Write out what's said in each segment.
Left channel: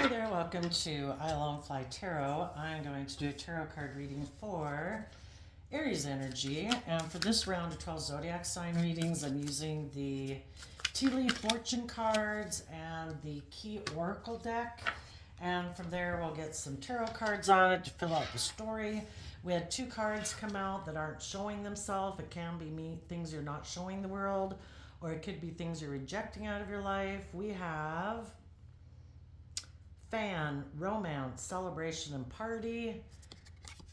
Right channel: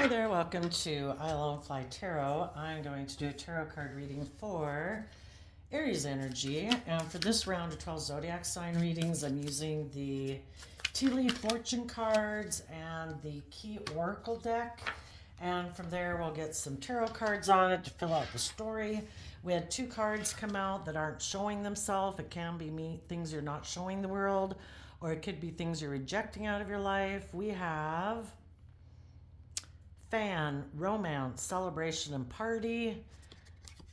Hi there, welcome to I Love Fly Tarot. I'm going to do a tarot card reading for Aries energy. And for this round of 12 zodiac sign readings, I'm using the Tea Leaf Fortune cards and the Key Oracle deck. And from there, we'll get some tarot cards on it to fill out the story. We had two cards come out that aren't showing themselves. It can be things you're not showing the world, or it could be things you're rejecting out of your life. We have fan, romance, celebration, and party,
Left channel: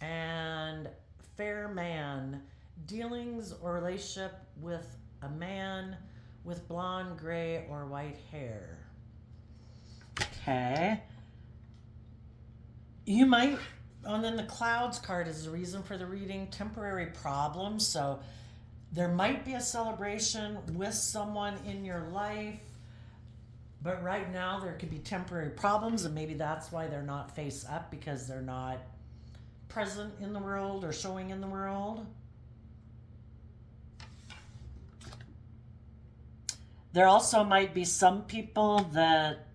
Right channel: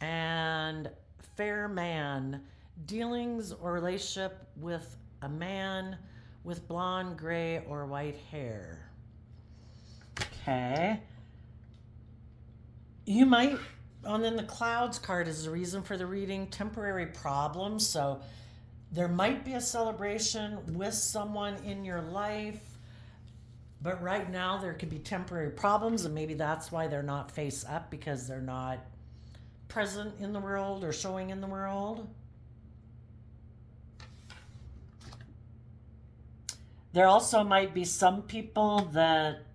and fair man, dealings or relationship with a man with blonde, gray, or white hair. Okay. You might, and then the clouds card is the reason for the reading, temporary problems. So there might be a celebration with someone in your life, but right now there could be temporary problems, and maybe that's why they're not face up, because they're not present in the world or showing in the world. There also might be some people that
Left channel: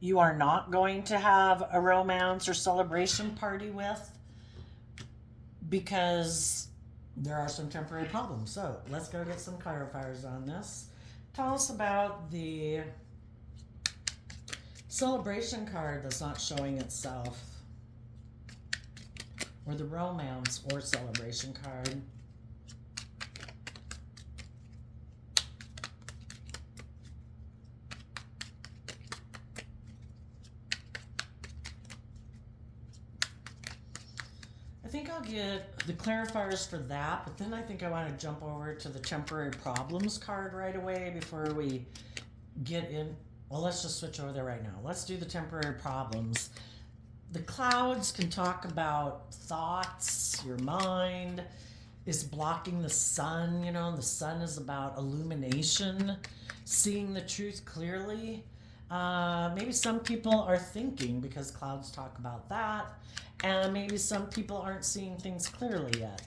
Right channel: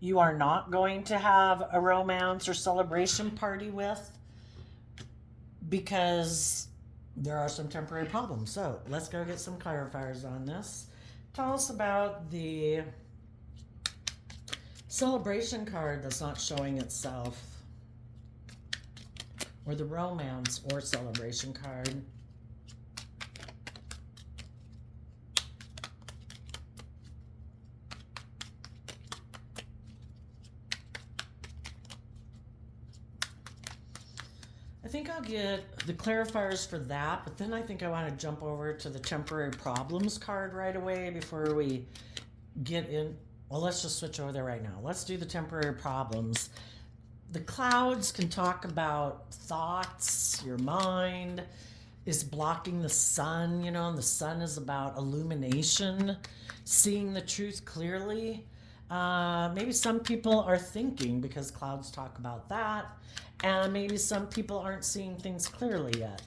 you are not going to have a romance or celebration party with because there are some temporary problems. So let's go get some clarifiers on this. Tell us about the celebration card that's not showing itself, or the romance or celebration card. I think I'll get the clarifiers for that, but then I think I want to jump over to the temporary problems card right away before we get in. Well, let's just switch over there right now. Let's do the temporary problems. The clouds can talk about thoughts, your mind is blocking the sun, and the sun is about illumination, seeing the truth clearly. Maybe some people are thinking, because clouds talk about that, and maybe some people aren't seeing things clearly yet.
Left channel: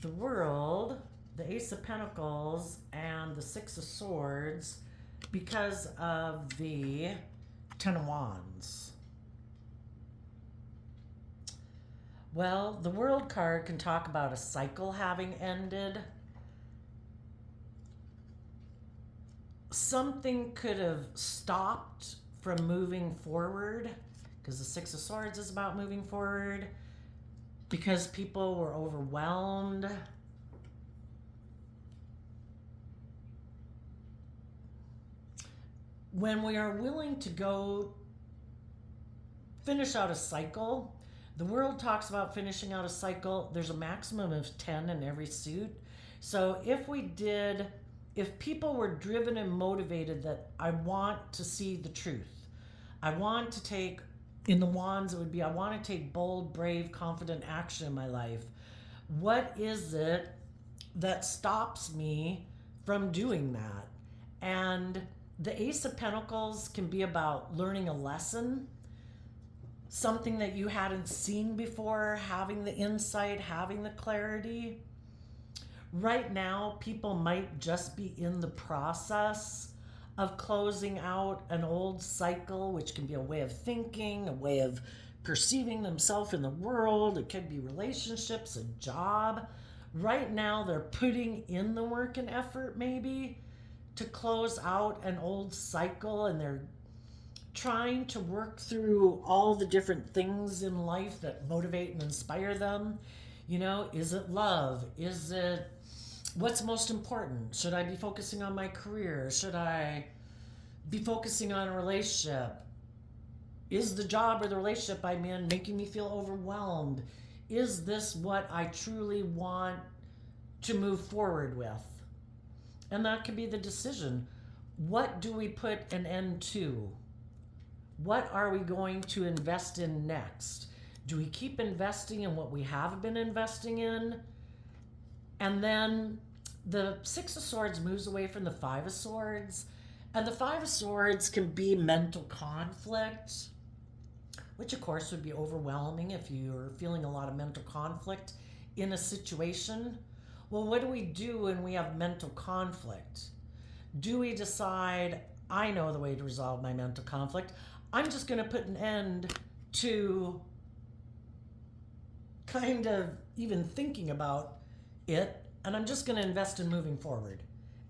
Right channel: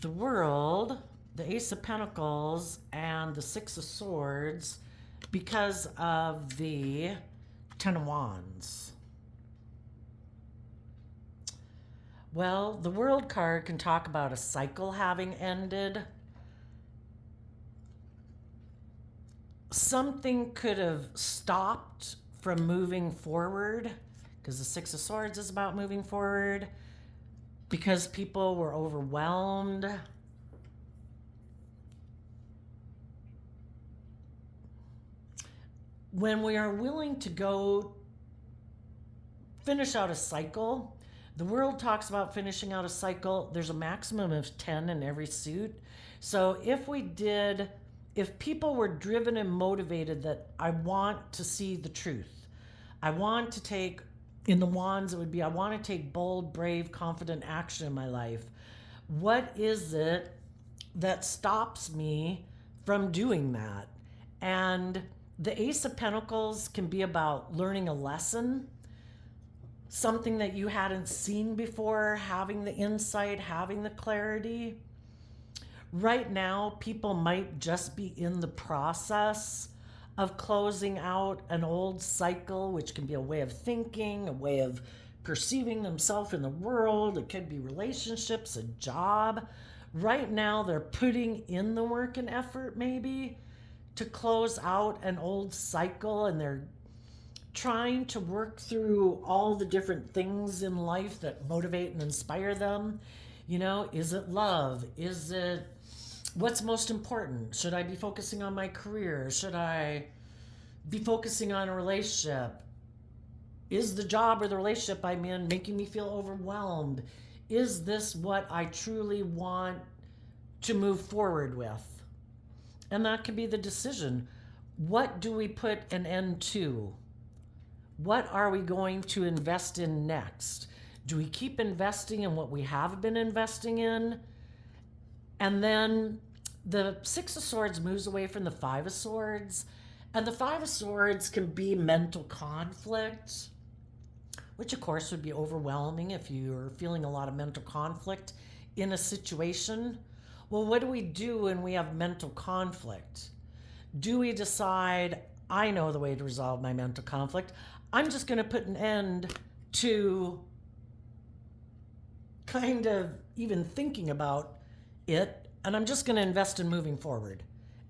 The World, the Ace of Pentacles, and the Six of Swords, because of the Ten of Wands. Well, the World card can talk about a cycle having ended. Something could have stopped from moving forward, because the Six of Swords is about moving forward, because people were overwhelmed. When we are willing to go finish out a cycle, the World talks about finishing out a cycle. There's a maximum of 10 in every suit. So if people were driven and motivated that I want to see the truth, I want to take, in the wands it would be, I want to take bold, brave, confident action in my life. What is it that stops me from doing that? And the Ace of Pentacles can be about learning a lesson, something that you hadn't seen before, having the insight, having the clarity. Right now, people might just be in the process of closing out an old cycle, which can be a way of thinking, a way of perceiving themselves in the world. It could be relationships, a job. Right now, they're putting in the work and effort, maybe, to close out an old cycle, and they're trying to work through all the different things in life that motivate and inspire them. Is it love? Is it what's most important? Should I be focusing on my career? Should I be focusing on a relationship? Is the job or the relationship I'm in making me feel overwhelmed? Is this what I truly want to move forward with? And that could be the decision. What do we put an end to? What are we going to invest in next? Do we keep investing in what we have been investing in? And then the Six of Swords moves away from the Five of Swords. And the Five of Swords can be mental conflict, which of course would be overwhelming if you're feeling a lot of mental conflict in a situation. Well, what do we do when we have mental conflict? Do we decide, I know the way to resolve my mental conflict? I'm just going to put an end to kind of even thinking about it, and I'm just going to invest in moving forward.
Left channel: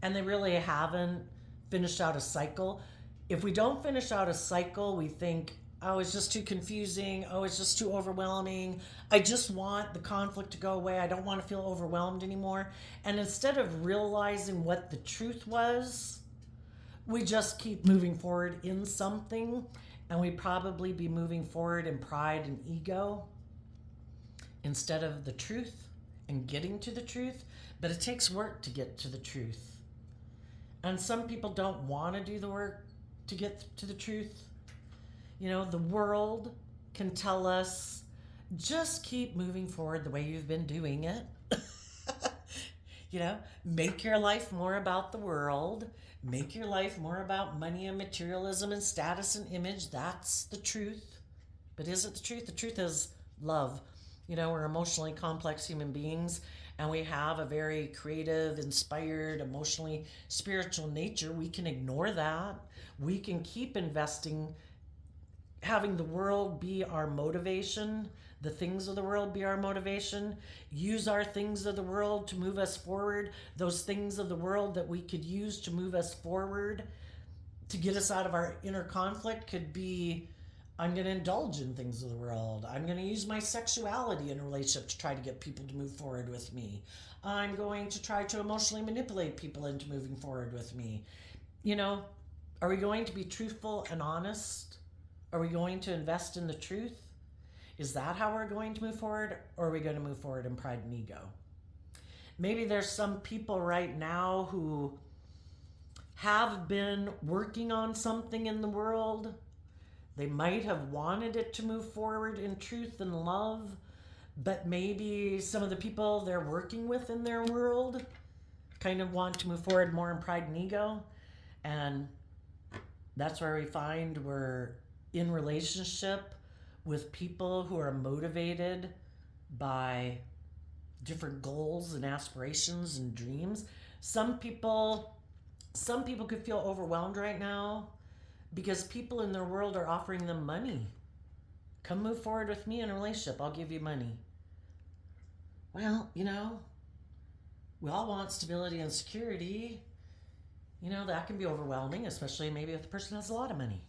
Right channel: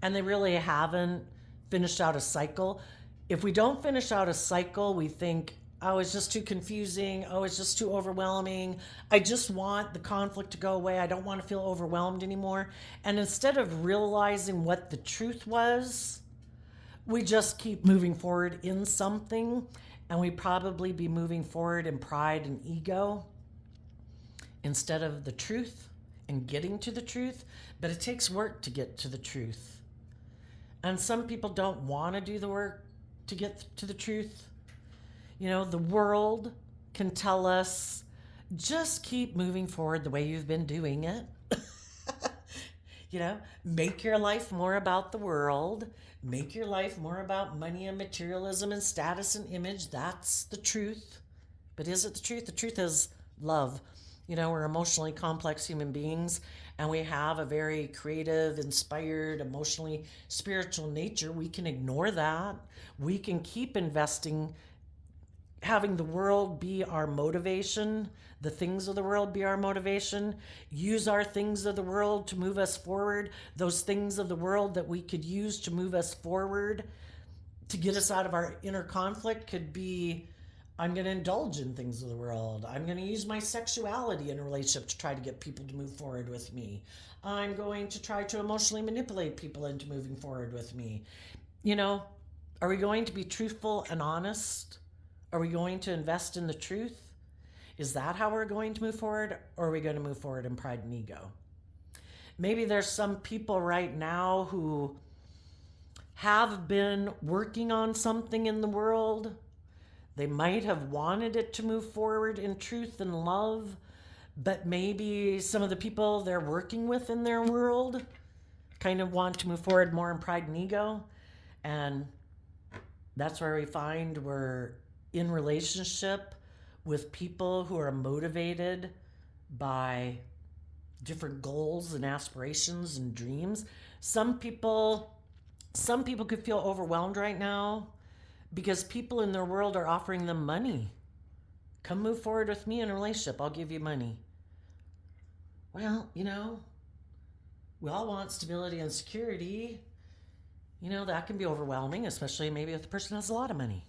And they really haven't finished out a cycle. If we don't finish out a cycle, we think, oh, it's just too confusing. Oh, it's just too overwhelming. I just want the conflict to go away. I don't want to feel overwhelmed anymore. And instead of realizing what the truth was, we just keep moving forward in something, and we probably be moving forward in pride and ego instead of the truth and getting to the truth. But it takes work to get to the truth. And some people don't want to do the work to get to the truth. You know, the world can tell us, just keep moving forward the way you've been doing it. You know, make your life more about the world. Make your life more about money and materialism and status and image. That's the truth. But is it the truth? The truth is love. You know, we're emotionally complex human beings, and we have a very creative, inspired, emotionally spiritual nature. We can ignore that. We can keep investing, having the world be our motivation, the things of the world be our motivation, use our things of the world to move us forward, those things of the world that we could use to move us forward, to get us out of our inner conflict could be, I'm going to indulge in things of the world. I'm going to use my sexuality in a relationship to try to get people to move forward with me. I'm going to try to emotionally manipulate people into moving forward with me. You know, are we going to be truthful and honest? Are we going to invest in the truth? Is that how we're going to move forward? Or are we going to move forward in pride and ego? Maybe there's some people right now who have been working on something in the world. They might have wanted it to move forward in truth and love, but maybe some of the people they're working with in their world kind of want to move forward more in pride and ego. And that's where we find we're in relationship with people who are motivated by different goals and aspirations and dreams. Some people could feel overwhelmed right now because people in their world are offering them money. Come move forward with me in a relationship. I'll give you money. Well, you know, we all want stability and security. You know, that can be overwhelming, especially maybe if the person has a lot of money.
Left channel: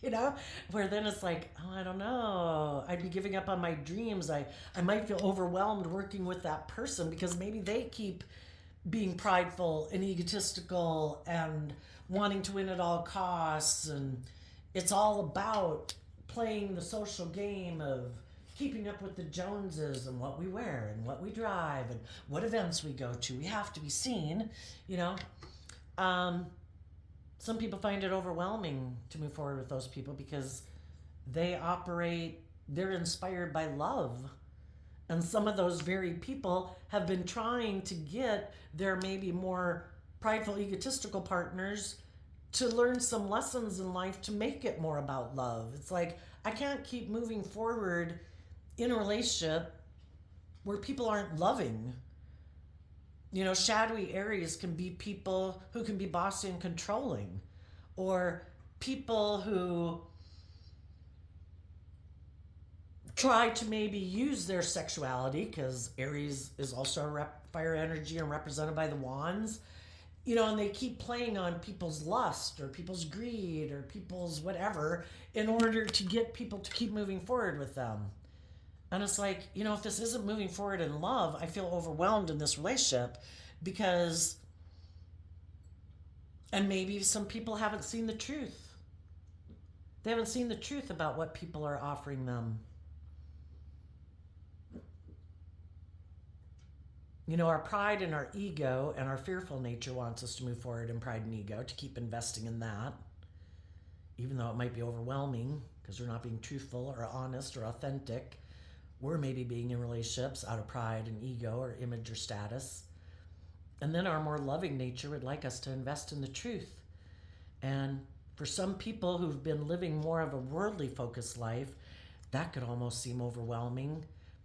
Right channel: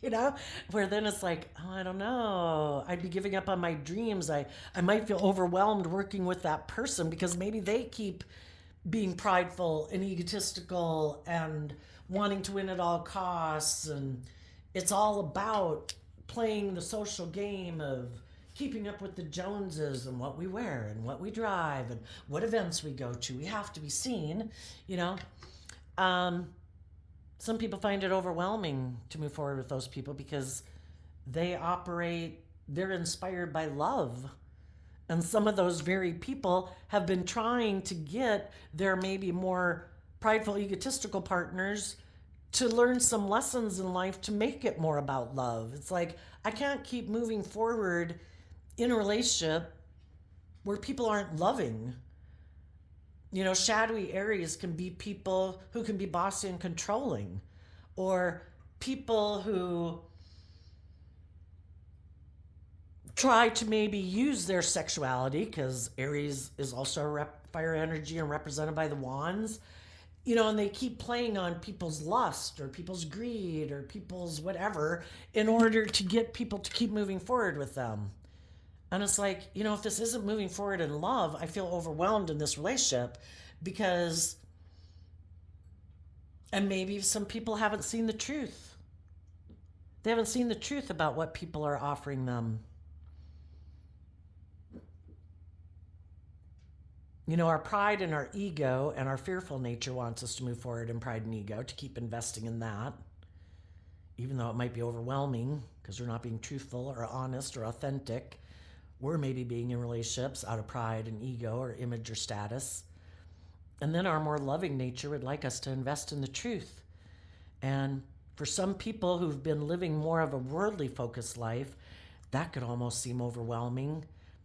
You know, where then it's like, oh, I don't know, I'd be giving up on my dreams. I might feel overwhelmed working with that person because maybe they keep being prideful and egotistical and wanting to win at all costs, and it's all about playing the social game of keeping up with the Joneses and what we wear and what we drive and what events we go to. We have to be seen, you know. Some people find it overwhelming to move forward with those people because they're inspired by love. And some of those very people have been trying to get their maybe more prideful, egotistical partners to learn some lessons in life to make it more about love. It's like, I can't keep moving forward in a relationship where people aren't loving. You know, shadowy Aries can be people who can be bossy and controlling, or people who try to maybe use their sexuality, because Aries is also fire energy and represented by the wands, you know, and they keep playing on people's lust or people's greed or people's whatever in order to get people to keep moving forward with them. And it's like, you know, if this isn't moving forward in love, I feel overwhelmed in this relationship because, and maybe some people haven't seen the truth. They haven't seen the truth about what people are offering them. You know, our pride and our ego and our fearful nature wants us to move forward in pride and ego, to keep investing in that, even though it might be overwhelming because we're not being truthful or honest or authentic. We're maybe being in relationships out of pride and ego or image or status. And then our more loving nature would like us to invest in the truth. And for some people who've been living more of a worldly focused life, that could almost seem overwhelming.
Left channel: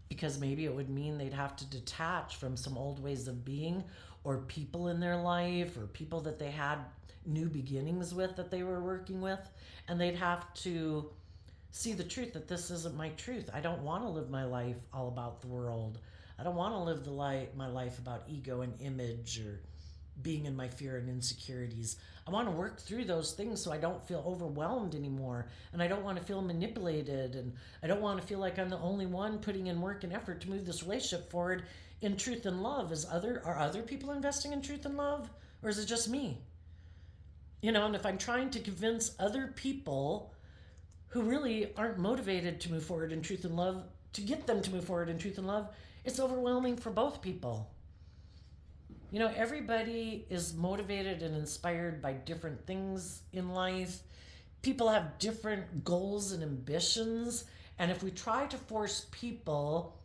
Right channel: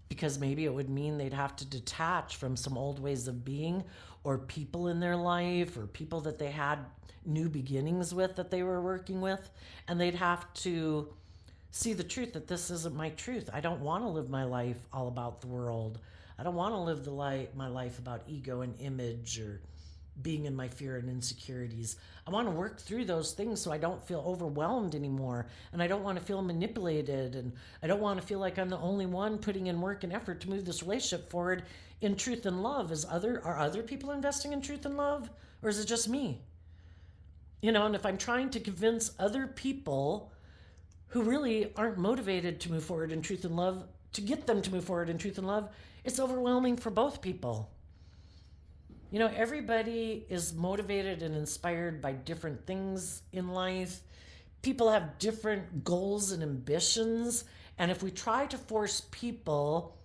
because maybe it would mean they'd have to detach from some old ways of being, or people in their life, or people that they had new beginnings with that they were working with, and they'd have to see the truth that this isn't my truth. I don't want to live my life all about the world. I don't want to live my life about ego and image, or being in my fear and insecurities. I want to work through those things so I don't feel overwhelmed anymore. And I don't want to feel manipulated. And I don't want to feel like I'm the only one putting in work and effort to move this relationship forward in truth and love. Are other people investing in truth and love? Or is it just me? And if I'm trying to convince other people who really aren't motivated to move forward in truth and love, to get them to move forward in truth and love, it's overwhelming for both people. Everybody is motivated and inspired by different things in life. People have different goals and ambitions. And if we try to force people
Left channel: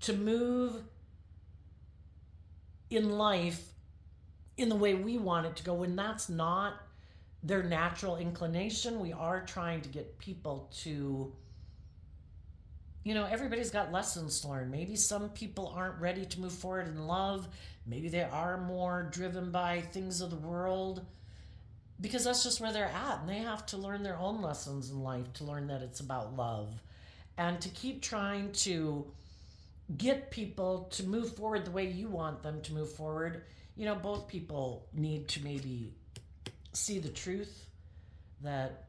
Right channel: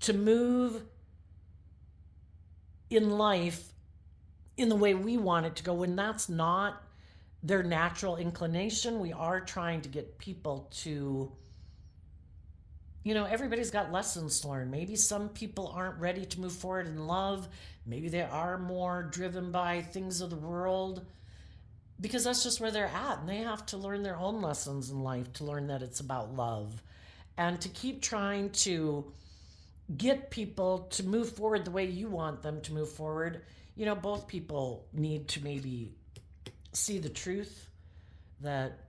to move in life in the way we want it to go, when that's not their natural inclination, we are trying to get people to, everybody's got lessons to learn. Maybe some people aren't ready to move forward in love. Maybe they are more driven by things of the world, because that's just where they're at. And they have to learn their own lessons in life to learn that it's about love. And to keep trying to get people to move forward the way you want them to move forward, both people need to maybe see the truth that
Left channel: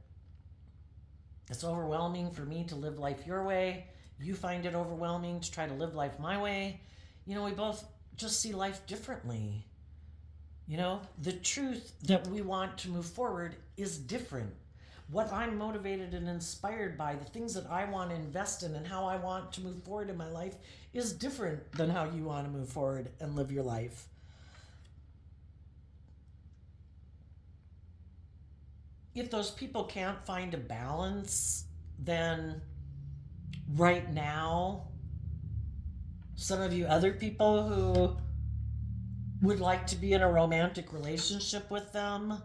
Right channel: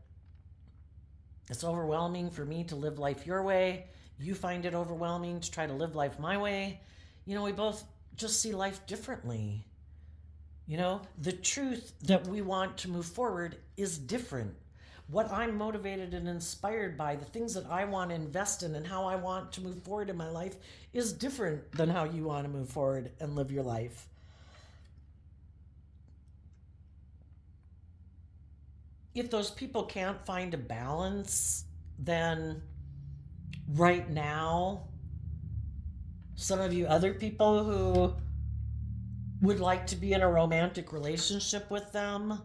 it's overwhelming for me to live life your way. You find it overwhelming to try to live life my way. We both just see life differently. The truth that we want to move forward is different. What I'm motivated and inspired by, the things that I want to invest in and how I want to move forward in my life, is different than how you want to move forward and live your life. If those people can't find a balance, then right now, some of you other people who would like to be in a romantic relationship with them,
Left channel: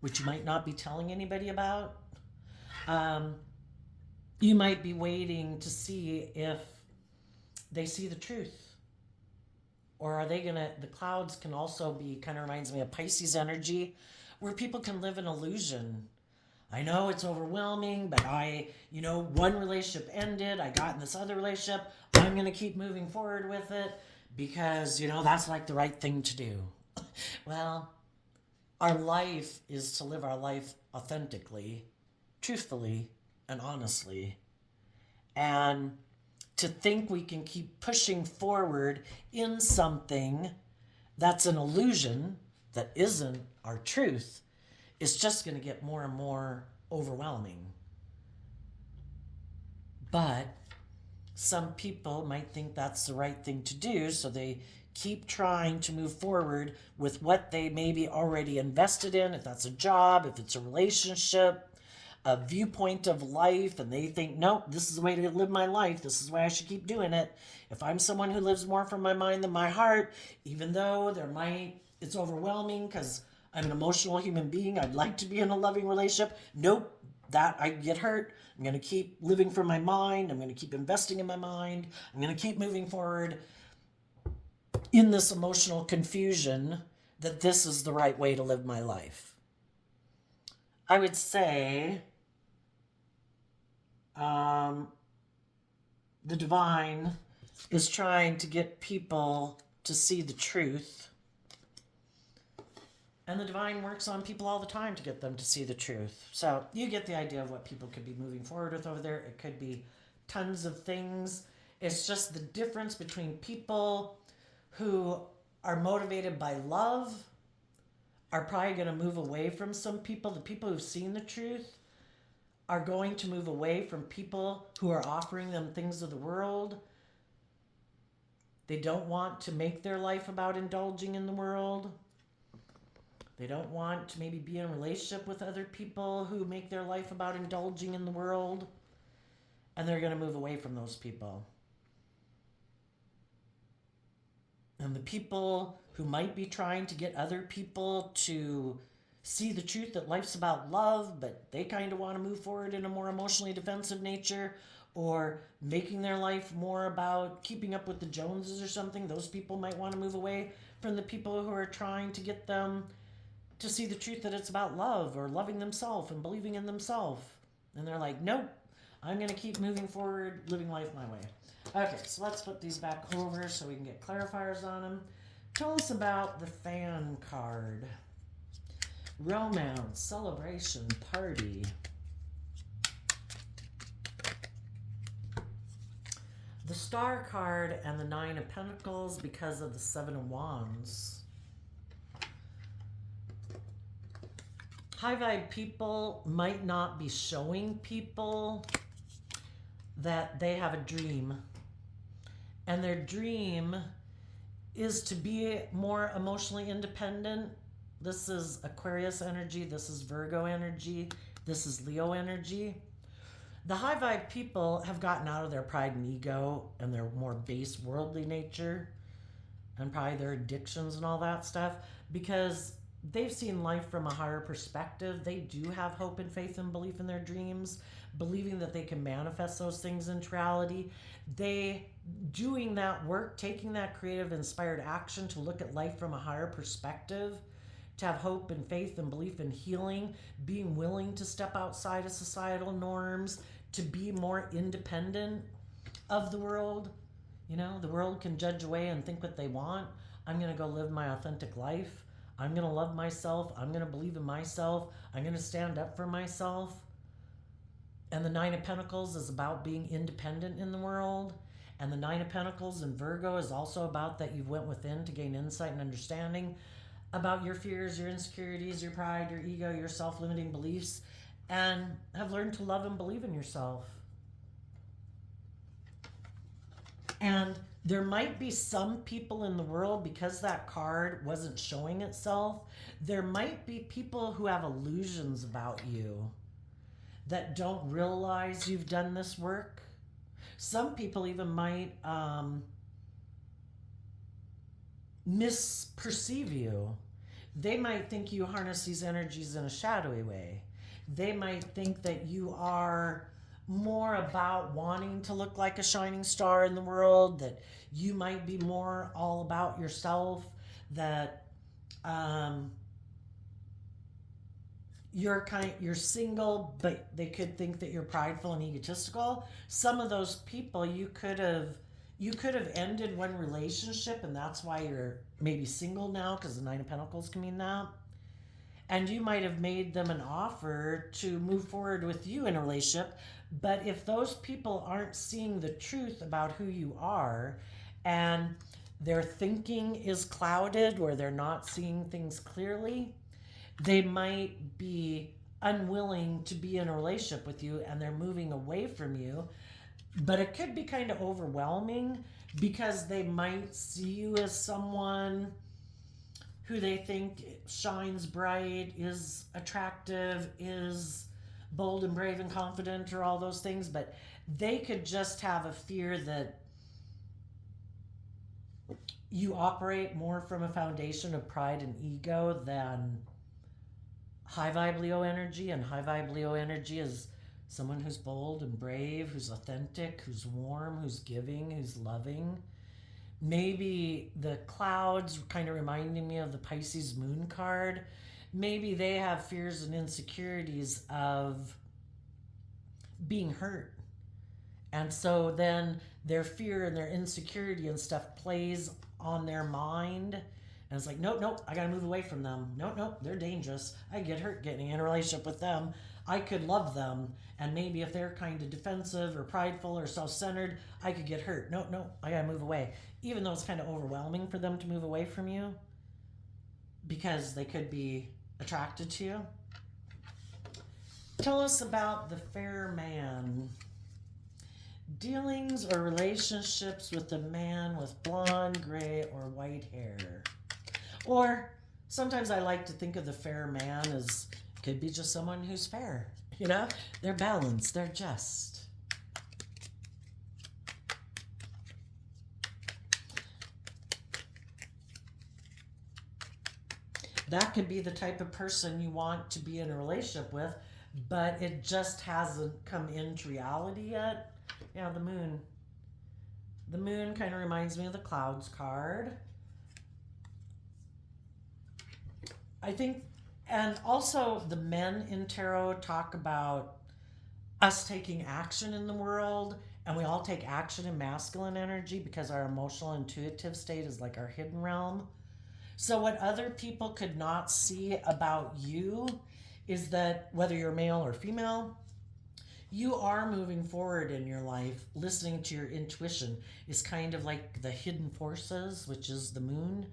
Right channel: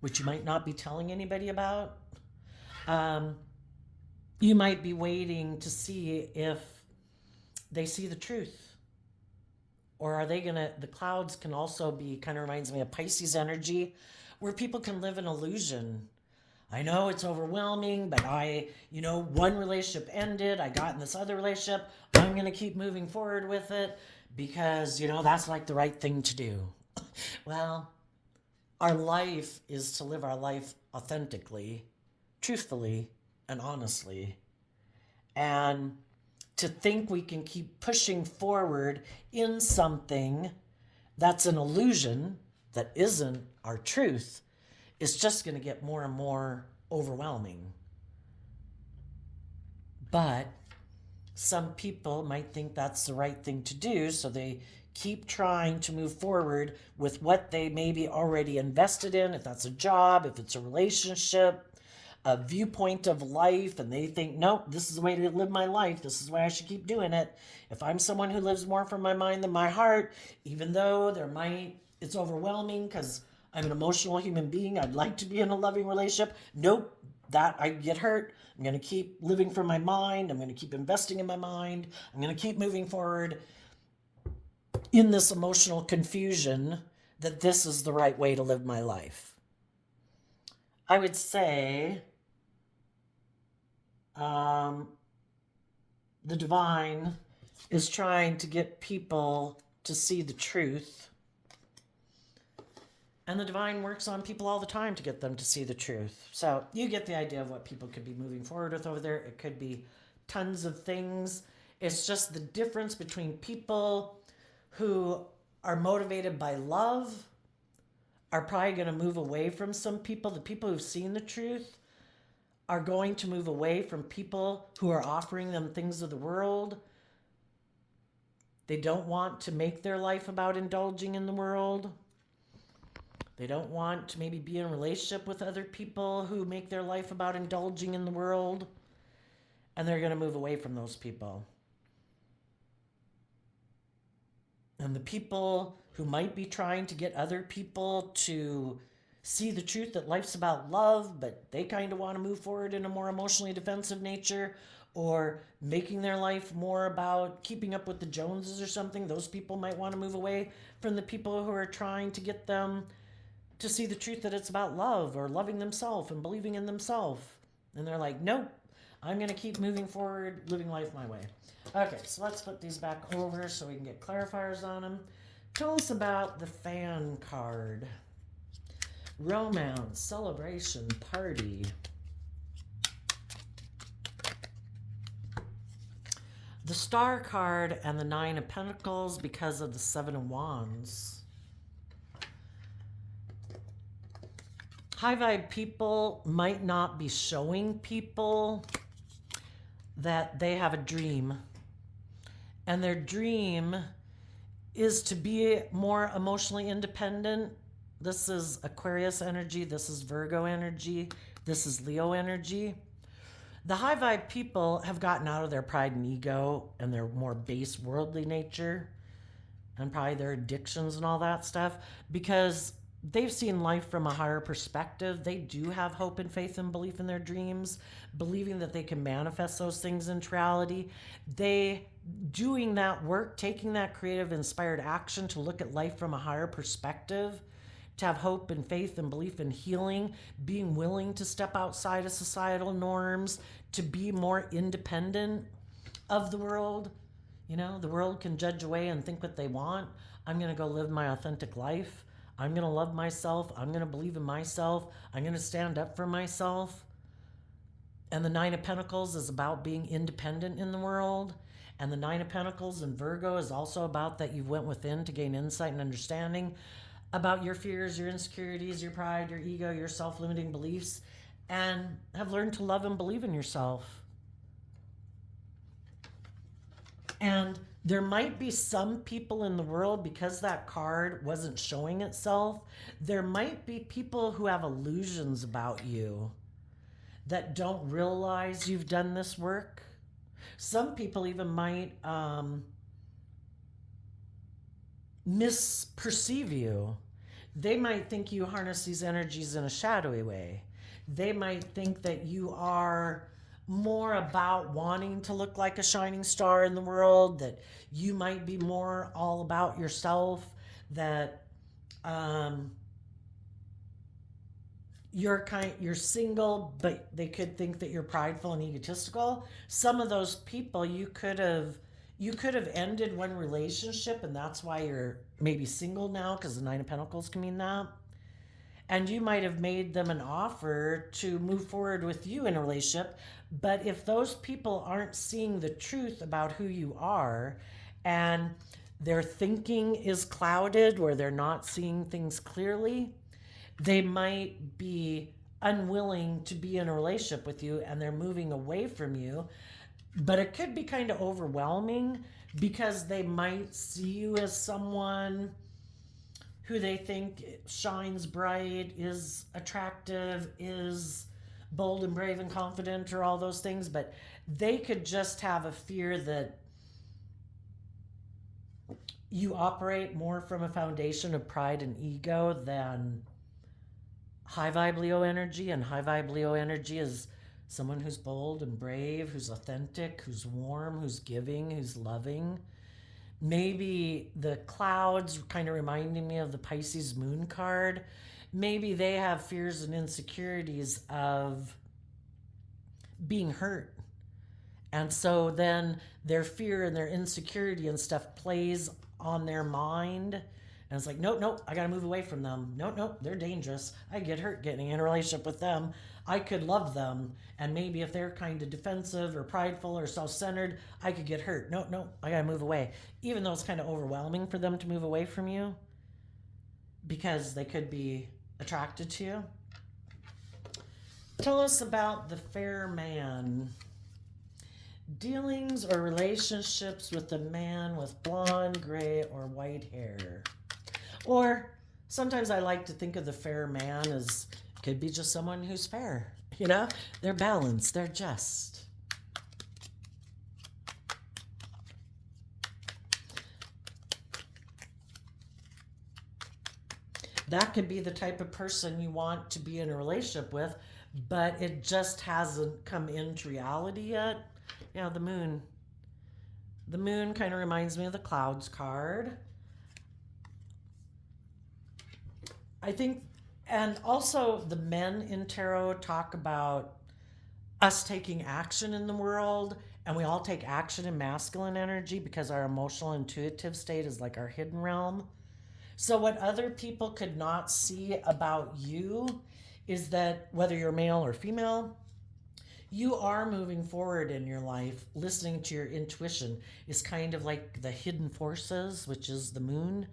which you might not be telling anybody about, you might be waiting to see if they see the truth. Or are they gonna, the clouds can also be, kind of reminds me of Pisces energy, where people can live an illusion. I know it's overwhelming, but one relationship ended, I got in this other relationship, I'm gonna keep moving forward with it because, that's like the right thing to do. Well, our life is to live our life authentically, truthfully, and honestly. And to think we can keep pushing forward in something that's an illusion, that isn't our truth, is just going to get more and more overwhelming. But some people might think that's the right thing to do, so they keep trying to move forward with what they maybe already invested in, if that's a job, if it's a relationship, a viewpoint of life, and they think, nope, this is the way to live my life, this is the way I should keep doing it. If I'm someone who lives more from my mind than my heart, even though it's overwhelming because I'm an emotional human being, I'd like to be in a loving relationship, nope, that I get hurt. I'm going to keep living from my mind. I'm going to keep investing in my mind. I'm going to keep moving forward in this emotional confusion that this is the right way to live my life. I would say the divine is trying to get people to see the truth. And the divine works on people all the time to get them to see the truth. So you get the idea of what people could be moving forward with over there. It could be tons of things. It's just the difference between people who are motivated by love are probably going to move away from some people. The people who've seen the truth are going to move away from people who are offering them things of the world. They don't want to make their life about indulging in the world. They don't want to maybe be in a relationship with other people who make their life about indulging in the world. And they're going to move away from those people. And the people who might be trying to get other people to see the truth that life's about love, but they kind of want to move forward in a more emotionally defensive nature, or making their life more about keeping up with the Joneses or something. Those people might want to move away from the people who are trying to get them to see the truth that it's about love or loving themselves and believing in themselves. And they're like, nope, I'm going to keep moving forward, living life my way. Okay, so let's put these back over so we can get clarifiers on them. Tell us about the fan card. Romance, celebration, party. The Star card and the Nine of Pentacles because of the Seven of Wands. High vibe people might not be showing people that they have a dream. And their dream is to be more emotionally independent. This is Aquarius energy. This is Virgo energy. This is Leo energy. The high vibe people have gotten out of their pride and ego and their more base worldly nature and probably their addictions and all that stuff because they've seen life from a higher perspective. They do have hope and faith and belief in their dreams, believing that they can manifest those things into reality. They doing that work, taking that creative, inspired action to look at life from a higher perspective, to have hope and faith and belief in healing, being willing to step outside of societal norms, to be more independent of the world. You know, the world can judge away and think what they want. I'm going to go live my authentic life. I'm going to love myself. I'm going to believe in myself. I'm going to stand up for myself. And the Nine of Pentacles is about being independent in the world. And the Nine of Pentacles in Virgo is also about that you went within to gain insight and understanding about your fears, your insecurities, your pride, your ego, your self-limiting beliefs, and have learned to love and believe in yourself. And there might be some people in the world, because that card wasn't showing itself, there might be people who have illusions about you that don't realize you've done this work. Some people even might misperceive you. They might think you harness these energies in a shadowy way. They might think that you are more about wanting to look like a shining star in the world, that you might be more all about yourself, that you're single, but they could think that you're prideful and egotistical. Some of those people you could have ended one relationship, and that's why you're maybe single now, because the Nine of Pentacles can mean that. And you might have made them an offer to move forward with you in a relationship. But if those people aren't seeing the truth about who you are, and their thinking is clouded, or they're not seeing things clearly, they might be unwilling to be in a relationship with you, and they're moving away from you. But it could be kind of overwhelming because they might see you as someone who they think shines bright, is attractive, is bold and brave and confident, or all those things. But they could just have a fear that you operate more from a foundation of pride and ego than high vibe Leo energy. And high vibe Leo energy is someone who's bold and brave, who's authentic, who's warm, who's giving, who's loving. Maybe the clouds kind of reminding me of the Pisces moon card. Maybe they have fears and insecurities of being hurt. And so then their fear and their insecurity and stuff plays on their mind. And it's like, nope, I got to move away from them. Nope, they're dangerous. I get hurt getting in a relationship with them. I could love them. And maybe if they're kind of defensive or prideful or self-centered, I could get hurt. Nope, I got to move away. Even though it's kind of overwhelming for them to move away from you because they could be attracted to you. Tell us about the fair man. Dealings or relationships with a man with blonde, gray, or white hair. Or sometimes I like to think of the fair man as could be just someone who's fair. You know, they're balanced, they're just. That could be the type of person you want to be in a relationship with, but it just hasn't come into reality yet. Yeah, the moon. The moon kind of reminds me of the clouds card. I think, and also the men in tarot talk about us taking action in the world, and we all take action in masculine energy because our emotional intuitive state is like our hidden realm. So, what other people could not see about you is that whether you're male or female, you are moving forward in your life. Listening to your intuition is kind of like the hidden forces, which is the moon,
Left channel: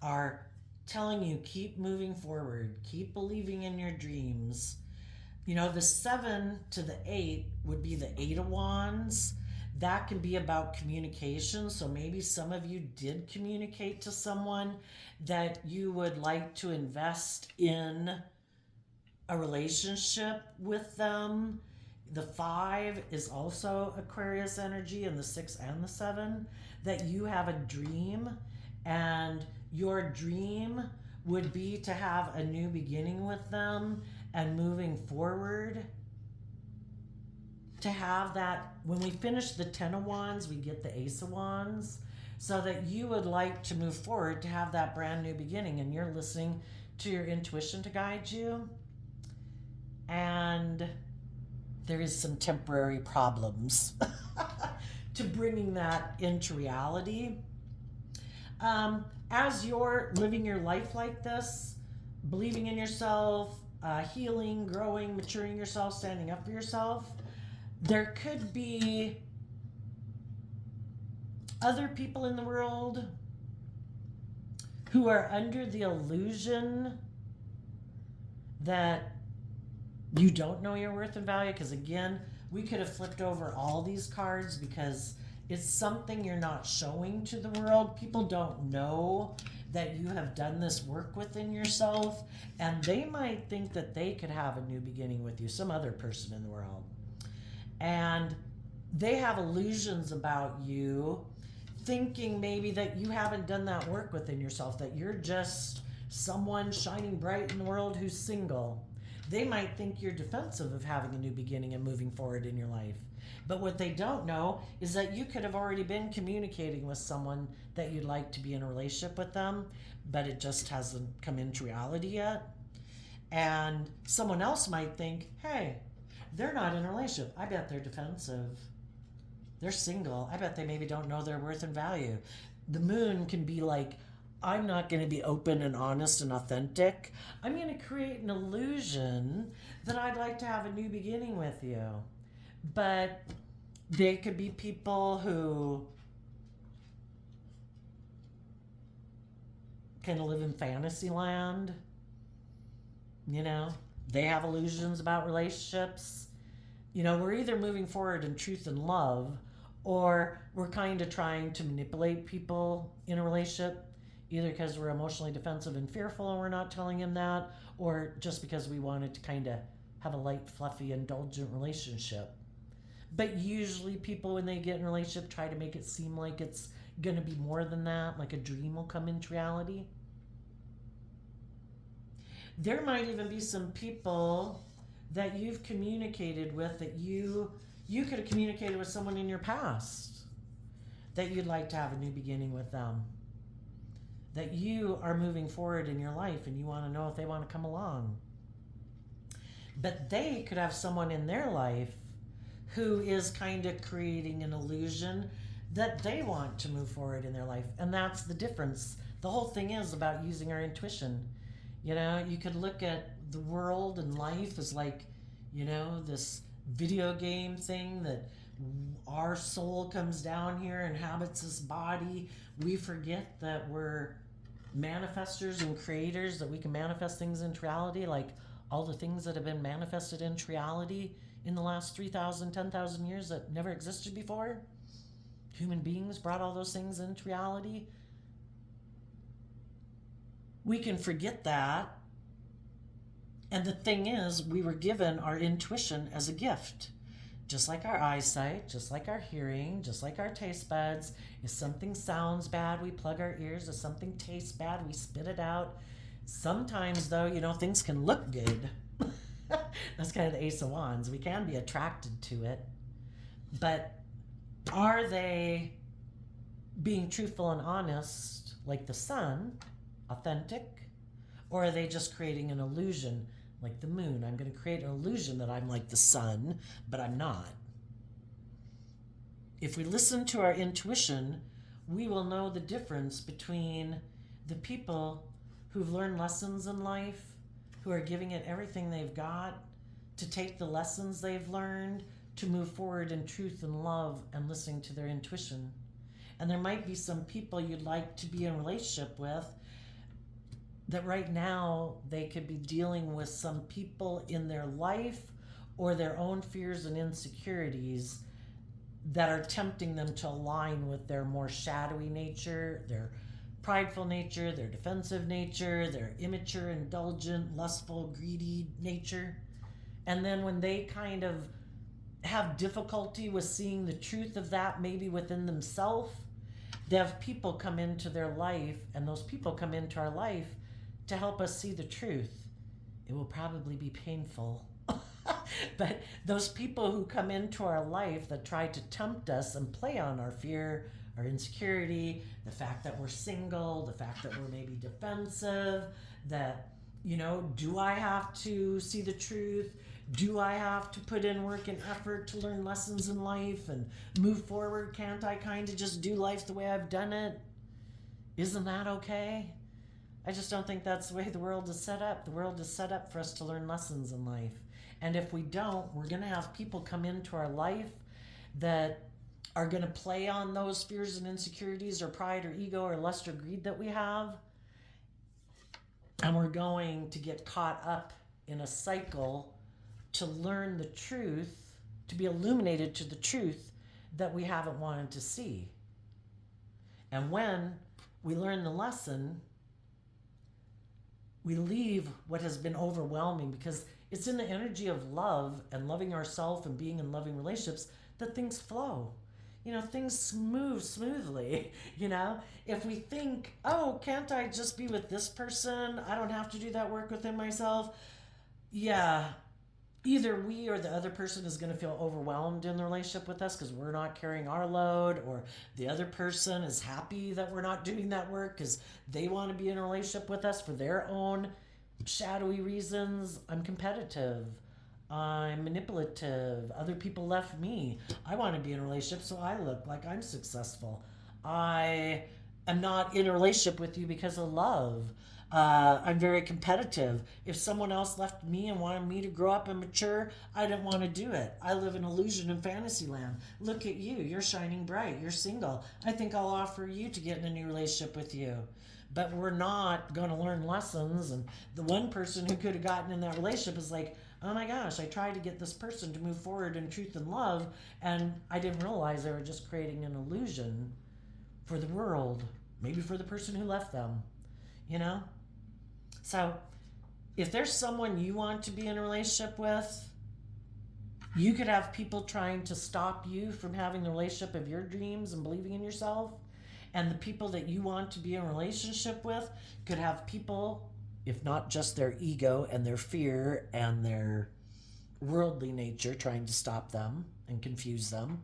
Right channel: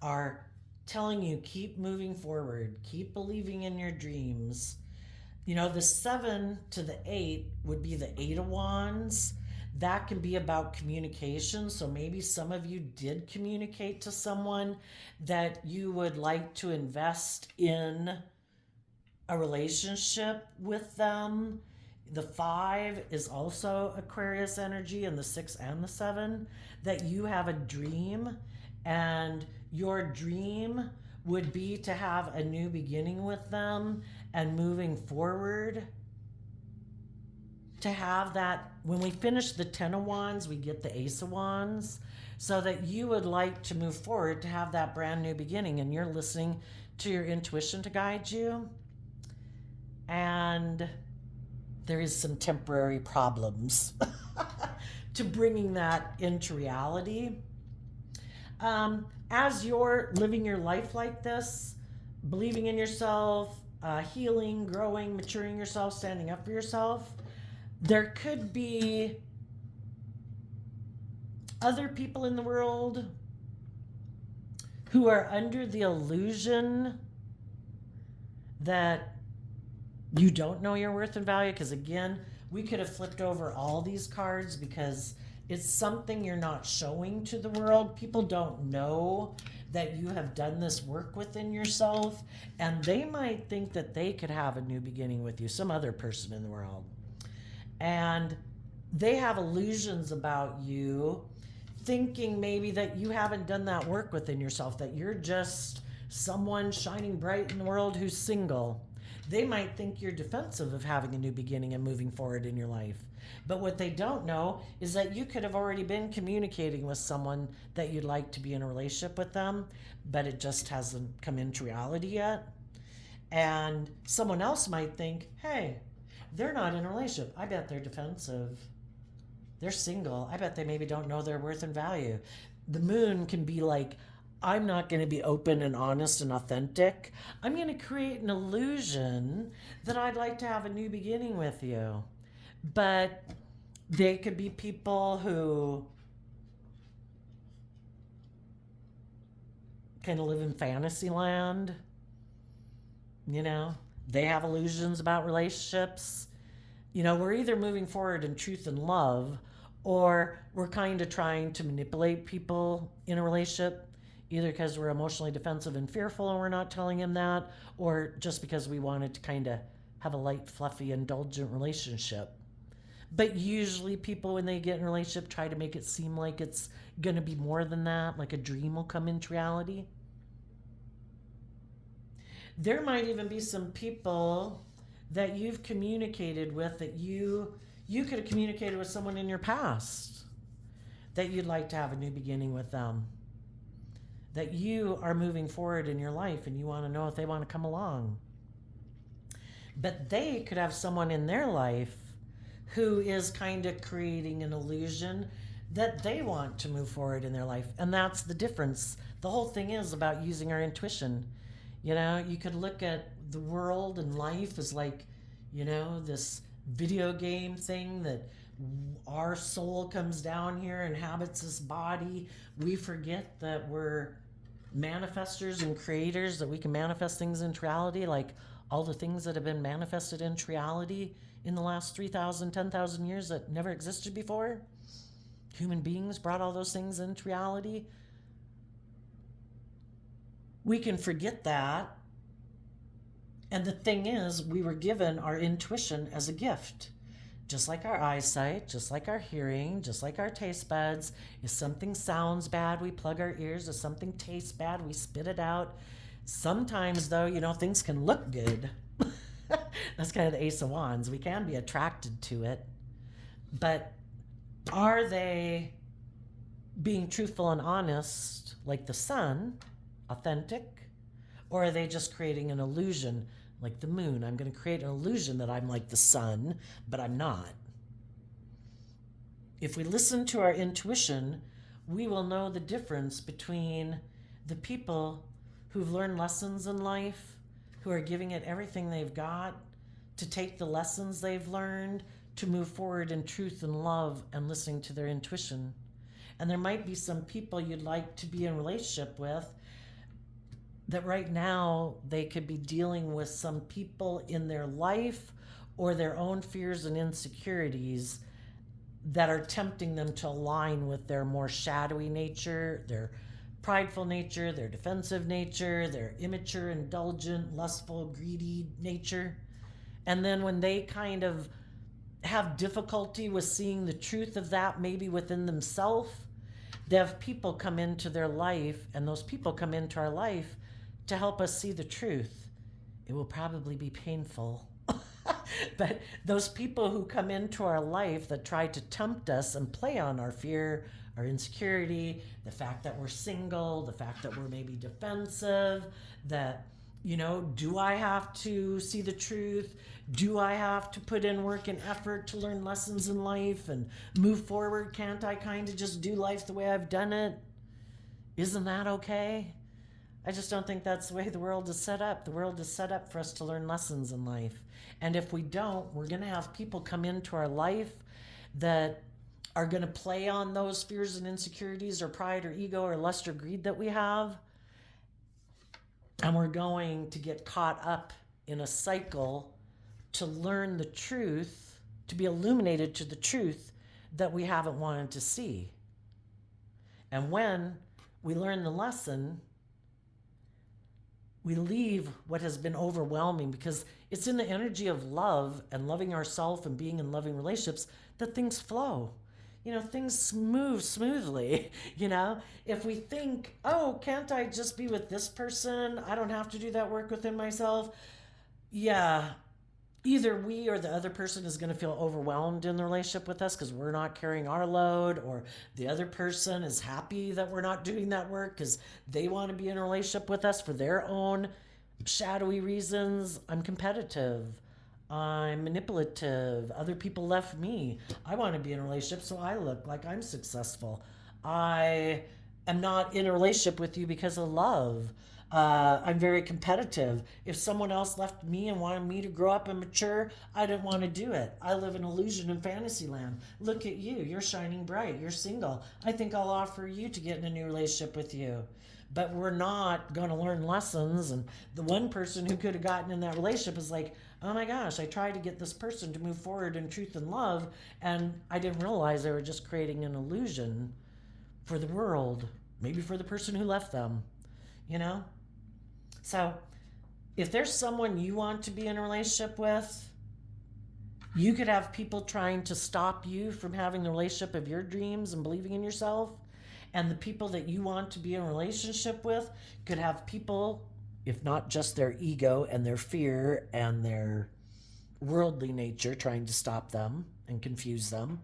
are telling you keep moving forward, keep believing in your dreams. You know, the 7 to the 8 would be the 8 of Wands. That can be about communication. So maybe some of you did communicate to someone that you would like to invest in a relationship with them. The 5 is also Aquarius energy, and the 6 and the 7, that you have a dream, and your dream would be to have a new beginning with them and moving forward. To have that, when we finish the 10 of Wands, we get the Ace of Wands, so that you would like to move forward to have that brand new beginning, and you're listening to your intuition to guide you. And there is some temporary problems to bringing that into reality. As you're living your life like this, believing in yourself, healing, growing, maturing yourself, standing up for yourself, there could be other people in the world who are under the illusion that you don't know your worth and value. Because again, we could have flipped over all these cards because it's something you're not showing to the world. People don't know that you have done this work within yourself, and they might think that they could have a new beginning with you, some other person in the world. And they have illusions about you, thinking maybe that you haven't done that work within yourself, that you're just someone shining bright in the world who's single. They might think you're defensive of having a new beginning and moving forward in your life. But what they don't know is that you could have already been communicating with someone that you'd like to be in a relationship with them, but it just hasn't come into reality yet. And someone else might think, hey, they're not in a relationship. I bet they're defensive. They're single. I bet they maybe don't know their worth and value. The moon can be like, I'm not going to be open and honest and authentic. I'm going to create an illusion that I'd like to have a new beginning with you. But they could be people who kind of live in fantasy land. You know, they have illusions about relationships. You know, we're either moving forward in truth and love, or we're kind of trying to manipulate people in a relationship, either because we're emotionally defensive and fearful and we're not telling him that, or just because we wanted to kind of have a light, fluffy, indulgent relationship. But usually people, when they get in a relationship, try to make it seem like it's going to be more than that, like a dream will come into reality. There might even be some people that you've communicated with that you could have communicated with someone in your past that you'd like to have a new beginning with them, that you are moving forward in your life and you want to know if they want to come along. But they could have someone in their life who is kind of creating an illusion that they want to move forward in their life. And that's the difference. The whole thing is about using our intuition. You know, you could look at the world and life as like, you know, this video game thing that our soul comes down here, inhabits this body. We forget that we're manifestors and creators, that we can manifest things into reality, like all the things that have been manifested into reality in the last 3,000, 10,000 years that never existed before. Human beings brought all those things into reality. We can forget that. And the thing is, we were given our intuition as a gift. Just like our eyesight, just like our hearing, just like our taste buds. If something sounds bad, we plug our ears. If something tastes bad, we spit it out. Sometimes, though, you know, things can look good. That's kind of the Ace of Wands. We can be attracted to it. But Are they being truthful and honest, like the sun, authentic? Or are they just creating an illusion, like the moon? I'm going to create an illusion that I'm like the sun, but I'm not. If we listen to our intuition, we will know the difference between the people who've learned lessons in life, who are giving it everything they've got to take the lessons they've learned to move forward in truth and love and listening to their intuition. And there might be some people you'd like to be in a relationship with that right now they could be dealing with some people in their life or their own fears and insecurities that are tempting them to align with their more shadowy nature, their prideful nature, their defensive nature, their immature, indulgent, lustful, greedy nature. And then when they kind of have difficulty with seeing the truth of that, maybe within themselves, they have people come into their life, and those people come into our life to help us see the truth. It will probably be painful. But those people who come into our life that try to tempt us and play on our fear, our insecurity, the fact that we're single, the fact that we're maybe defensive, that, do I have to see the truth? Do I have to put in work and effort to learn lessons in life and move forward? Can't I kind of just do life the way I've done it? Isn't that okay? I just don't think that's the way the world is set up. The world is set up for us to learn lessons in life. And if we don't, we're going to have people come into our life that are going to play on those fears and insecurities or pride or ego or lust or greed that we have. And we're going to get caught up in a cycle to learn the truth, to be illuminated to the truth that we haven't wanted to see. And when we learn the lesson, we leave what has been overwhelming, because it's in the energy of love and loving ourselves and being in loving relationships that things flow. Things move smoothly. If we think, oh, can't I just be with this person? I don't have to do that work within myself. Yeah, either we or the other person is going to feel overwhelmed in the relationship with us because we're not carrying our load, or the other person is happy that we're not doing that work because they want to be in a relationship with us for their own shadowy reasons. I'm competitive, I'm manipulative, other people left me, I want to be in a relationship so I look like I'm successful. I am not in a relationship with you because of love. I'm very competitive. If someone else left me and wanted me to grow up and mature, I didn't want to do it. I live in illusion and fantasy land. Look at you. You're shining bright. You're single. I think I'll offer you to get in a new relationship with you. But we're not going to learn lessons. And the one person who could have gotten in that relationship is like, oh my gosh, I tried to get this person to move forward in truth and love, and I didn't realize they were just creating an illusion for the world, maybe for the person who left them, you know? So, if there's someone you want to be in a relationship with, you could have people trying to stop you from having the relationship of your dreams and believing in yourself. And the people that you want to be in a relationship with could have people, if not just their ego and their fear and their worldly nature, trying to stop them and confuse them.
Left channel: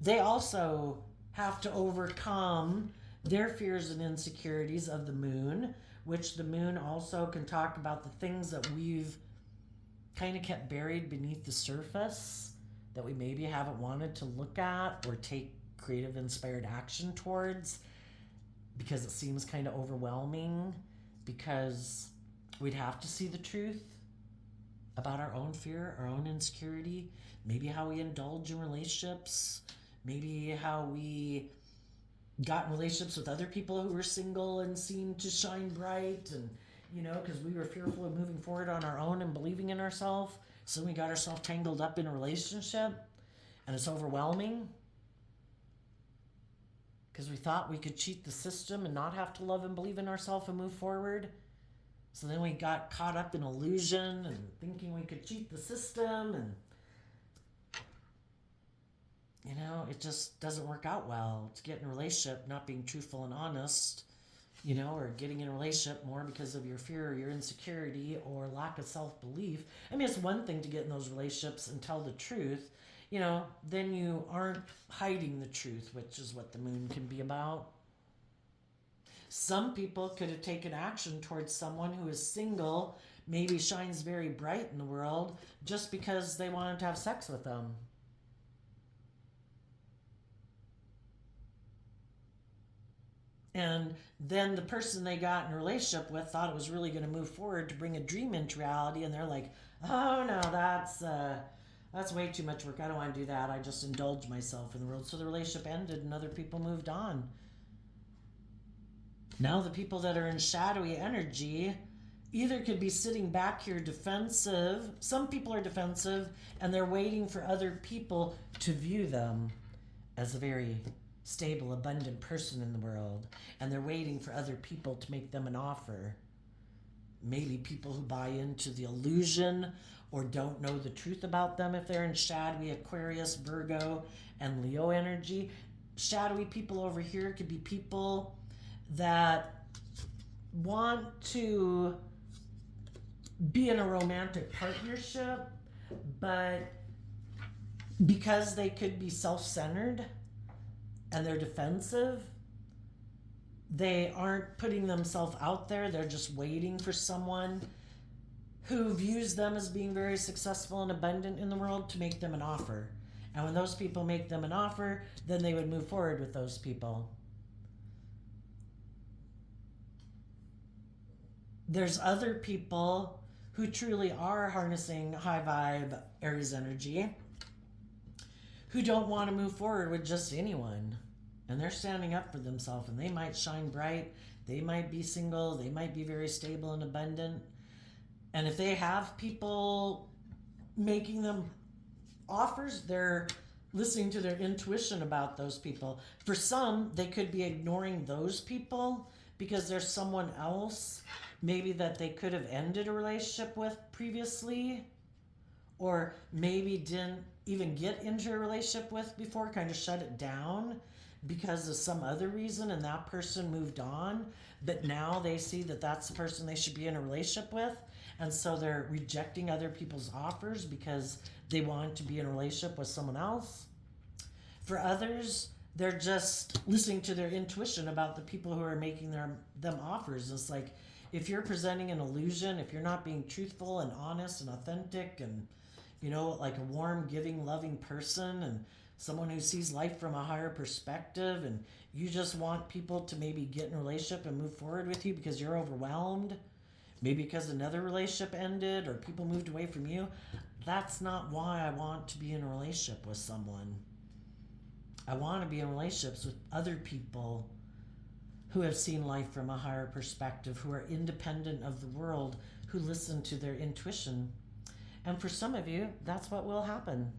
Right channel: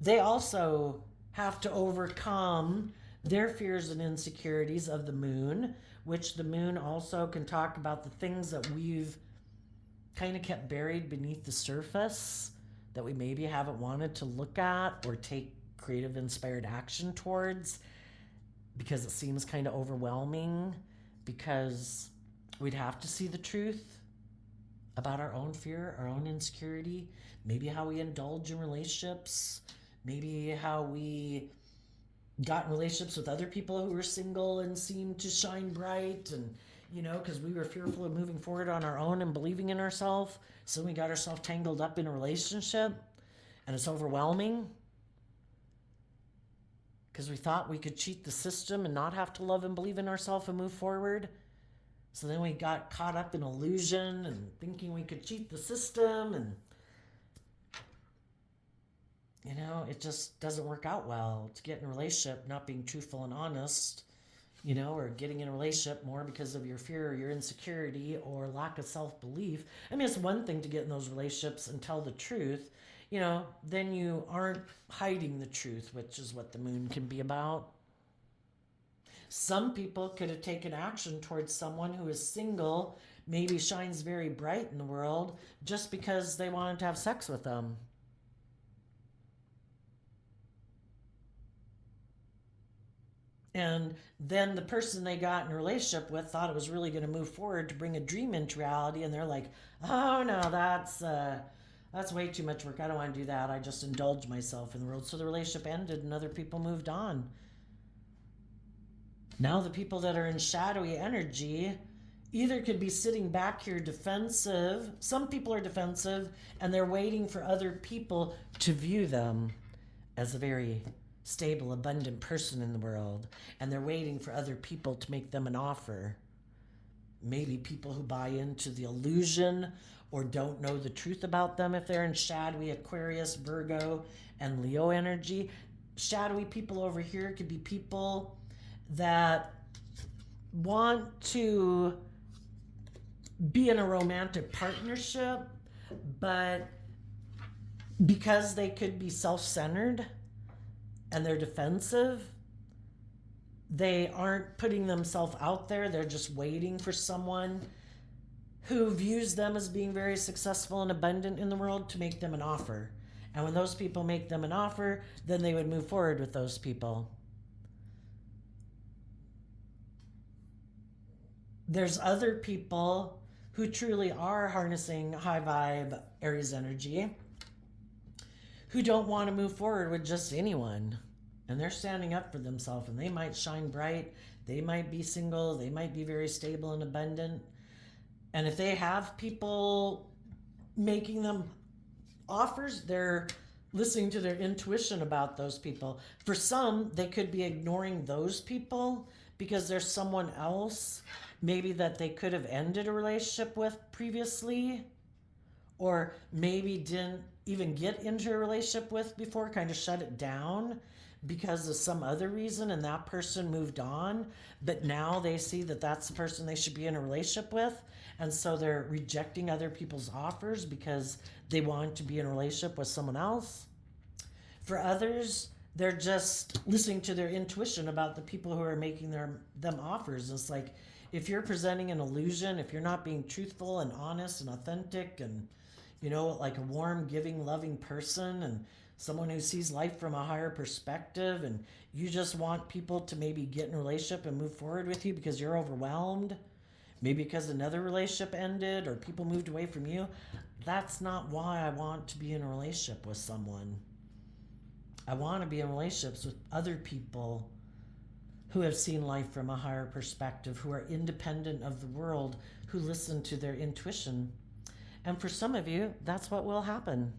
They also have to overcome their fears and insecurities of the moon, which the moon also can talk about the things that we've kind of kept buried beneath the surface that we maybe haven't wanted to look at or take creative inspired action towards, because it seems kind of overwhelming, because we'd have to see the truth about our own fear, our own insecurity, maybe how we indulge in relationships, maybe how we got in relationships with other people who were single and seemed to shine bright, and because we were fearful of moving forward on our own and believing in ourselves, so we got ourselves tangled up in a relationship, and it's overwhelming because we thought we could cheat the system and not have to love and believe in ourselves and move forward. So then we got caught up in illusion and thinking we could cheat the system, and it just doesn't work out well to get in a relationship not being truthful and honest, or getting in a relationship more because of your fear or your insecurity or lack of self-belief. I mean, it's one thing to get in those relationships and tell the truth. then you aren't hiding the truth, which is what the moon can be about. Some people could have taken action towards someone who is single, maybe shines very bright in the world, just because they wanted to have sex with them. And then the person they got in a relationship with thought it was really going to move forward to bring a dream into reality, and they're like, "Oh no, that's way too much work. I don't want to do that. I just indulge myself in the world." So the relationship ended, and other people moved on. Now the people that are in shadowy energy either could be sitting back here defensive. Some people are defensive, and they're waiting for other people to view them as a very stable, abundant person in the world, and they're waiting for other people to make them an offer. Maybe people who buy into the illusion or don't know the truth about them if they're in shadowy Aquarius, Virgo, and Leo energy. Shadowy people over here could be people that want to be in a romantic partnership, but because they could be self-centered and they're defensive, they aren't putting themselves out there. They're just waiting for someone who views them as being very successful and abundant in the world to make them an offer. And when those people make them an offer, then they would move forward with those people. There's other people who truly are harnessing high vibe Aries energy who don't want to move forward with just anyone. And they're standing up for themselves, and they might shine bright. They might be single. They might be very stable and abundant. And if they have people making them offers, they're listening to their intuition about those people. For some, they could be ignoring those people because there's someone else maybe that they could have ended a relationship with previously, or maybe didn't even get into a relationship with before, kind of shut it down because of some other reason, and that person moved on, but now they see that that's the person they should be in a relationship with, and so they're rejecting other people's offers because they want to be in a relationship with someone else. For others, they're just listening to their intuition about the people who are making them offers. It's like, if you're presenting an illusion, if you're not being truthful and honest and authentic and, like a warm, giving, loving person, and someone who sees life from a higher perspective, and you just want people to maybe get in a relationship and move forward with you because you're overwhelmed, maybe because another relationship ended or people moved away from you, that's not why I want to be in a relationship with someone. I want to be in relationships with other people who have seen life from a higher perspective, who are independent of the world, who listen to their intuition. And for some of you, that's what will happen.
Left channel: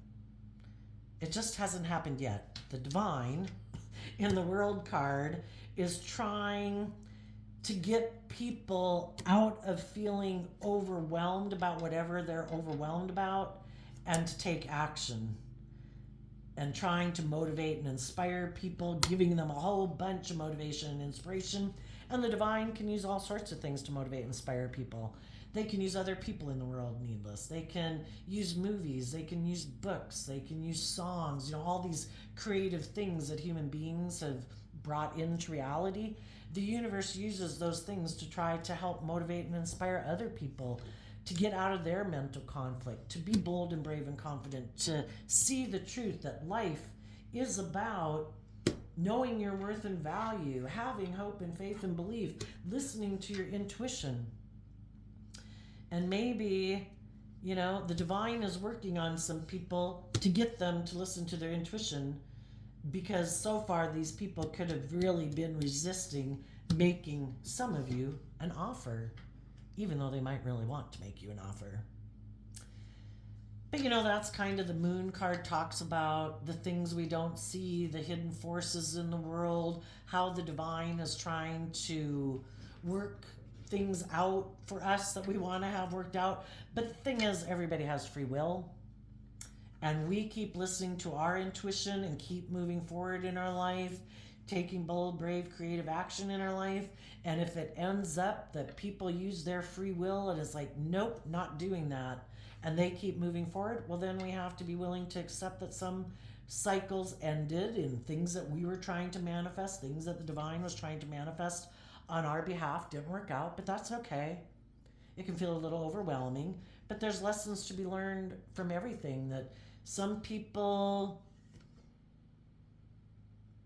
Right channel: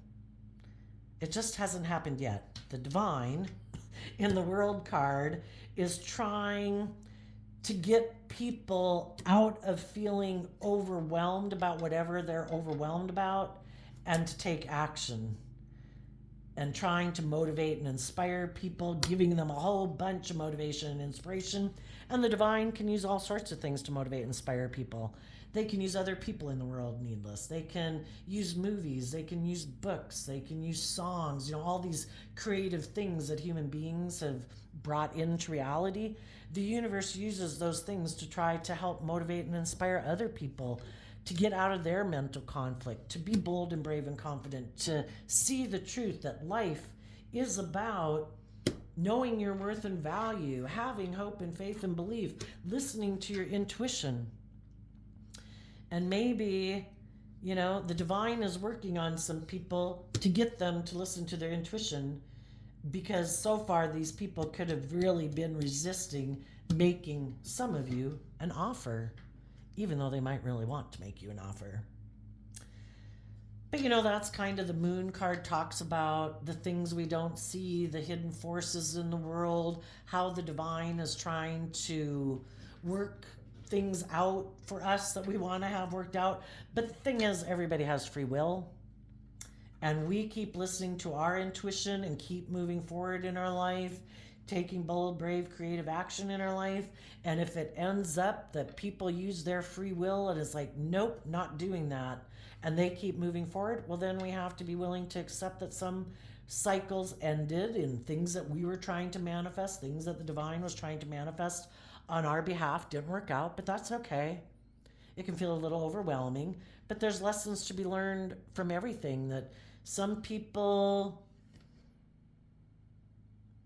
It just hasn't happened yet. The divine in the world card is trying to get people out of feeling overwhelmed about whatever they're overwhelmed about and to take action, and trying to motivate and inspire people, giving them a whole bunch of motivation and inspiration. And the divine can use all sorts of things to motivate and inspire people. They can use other people in the world needless. They can use movies. They can use books. They can use songs. All these creative things that human beings have brought into reality. The universe uses those things to try to help motivate and inspire other people to get out of their mental conflict, to be bold and brave and confident, to see the truth that life is about knowing your worth and value, having hope and faith and belief, listening to your intuition. And maybe, the divine is working on some people to get them to listen to their intuition, because so far these people could have really been resisting making some of you an offer, even though they might really want to make you an offer. But that's kind of the moon card talks about the things we don't see, the hidden forces in the world, how the divine is trying to work things out for us that we want to have worked out. But the thing is, everybody has free will, and we keep listening to our intuition and keep moving forward in our life, taking bold, brave, creative action in our life. And if it ends up that people use their free will and it's like, nope, not doing that, and they keep moving forward, well, then we have to be willing to accept that some cycles ended in things that we were trying to manifest, things that the divine was trying to manifest on our behalf didn't work out, but that's okay. It can feel a little overwhelming, but there's lessons to be learned from everything. That some people